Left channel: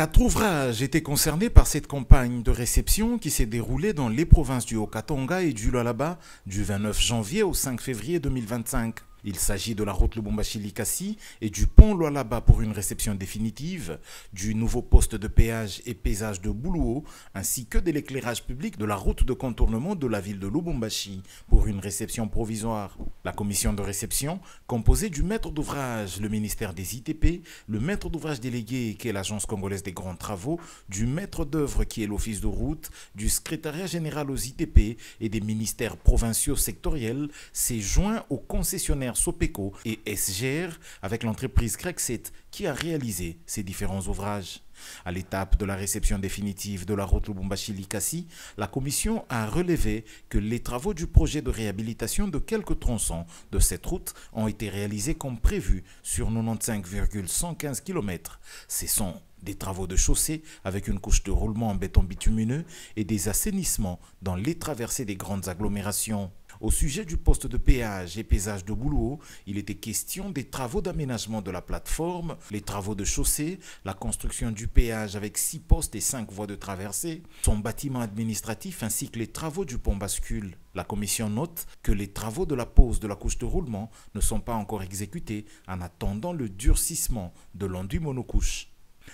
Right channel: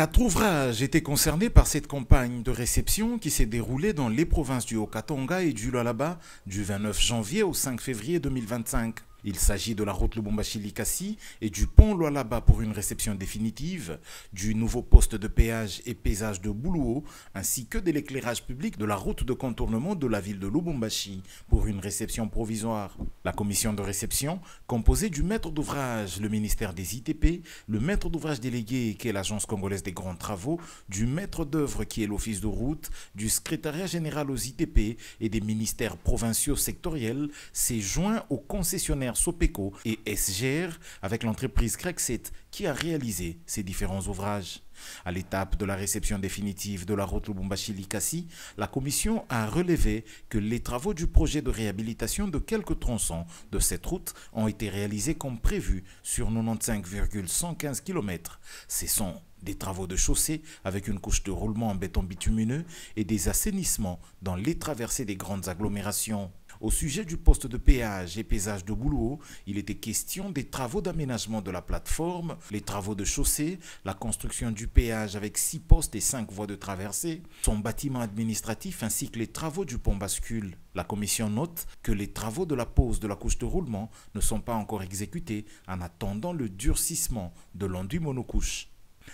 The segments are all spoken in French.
4 ouvrages étaient concernés par cette campagne de réception qui s'est déroulée dans les provinces du Haut-Katanga et du Lualaba du 29 janvier au 5 février 2025. Il s'agit de la route Lubumbashi-Likasi et du pont Lualaba pour une réception définitive, du nouveau poste de péage et paysage de Boulou, ainsi que de l'éclairage public de la route de contournement de la ville de Lubumbashi pour une réception provisoire. La commission de réception, composée du maître d'ouvrage, le ministère des ITP, le maître d'ouvrage délégué qui est l'Agence congolaise des grands travaux, du maître d'œuvre qui est l'office de route, du secrétariat général aux ITP et des ministères provinciaux sectoriels, s'est joint aux concessionnaires Sopeco et SGR avec l'entreprise Crexet qui a réalisé ces différents ouvrages. À l'étape de la réception définitive de la route Lubumbashi-Likasi, la commission a relevé que les travaux du projet de réhabilitation de quelques tronçons de cette route ont été réalisés comme prévu sur 95,115 km. Ce sont des travaux de chaussée avec une couche de roulement en béton bitumineux et des assainissements dans les traversées des grandes agglomérations. Au sujet du poste de péage et paysage de Boulou, il était question des travaux d'aménagement de la plateforme, les travaux de chaussée, la construction du péage avec 6 postes et 5 voies de traversée, son bâtiment administratif ainsi que les travaux du pont bascule. La commission note que les travaux de la pose de la couche de roulement ne sont pas encore exécutés en attendant le durcissement de l'enduit monocouche.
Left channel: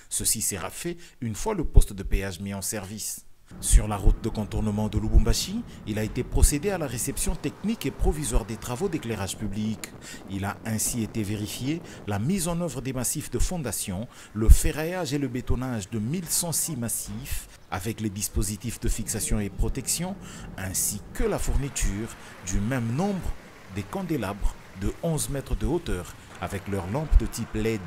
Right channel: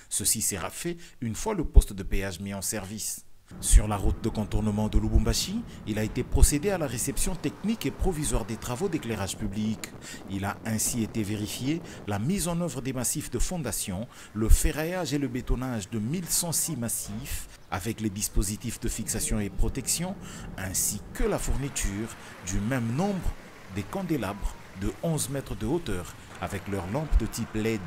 Ceci sera fait une fois le poste de péage mis en service. Sur la route de contournement de Lubumbashi, il a été procédé à la réception technique et provisoire des travaux d'éclairage public. Il a ainsi été vérifié la mise en œuvre des massifs de fondation, le ferraillage et le bétonnage de 1106 massifs, avec les dispositifs de fixation et protection, ainsi que la fourniture du même nombre des candélabres de 11 mètres de hauteur avec leurs lampes de type LED.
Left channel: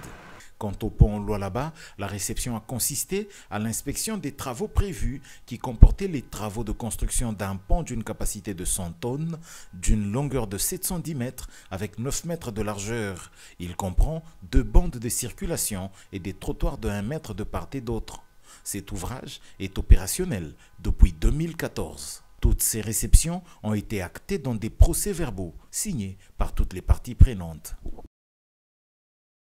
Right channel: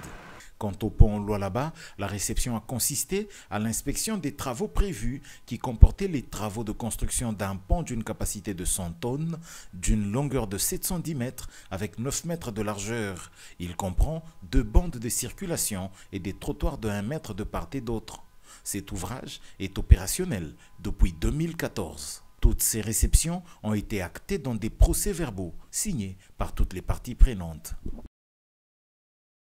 Quant au pont Lualaba, la réception a consisté à l'inspection des travaux prévus qui comportaient les travaux de construction d'un pont d'une capacité de 100 tonnes, d'une longueur de 710 mètres avec 9 mètres de largeur. Il comprend 2 bandes de circulation et des trottoirs de 1 mètre de part et d'autre. Cet ouvrage est opérationnel depuis 2014. Toutes ces réceptions ont été actées dans des procès-verbaux signés par toutes les parties prenantes.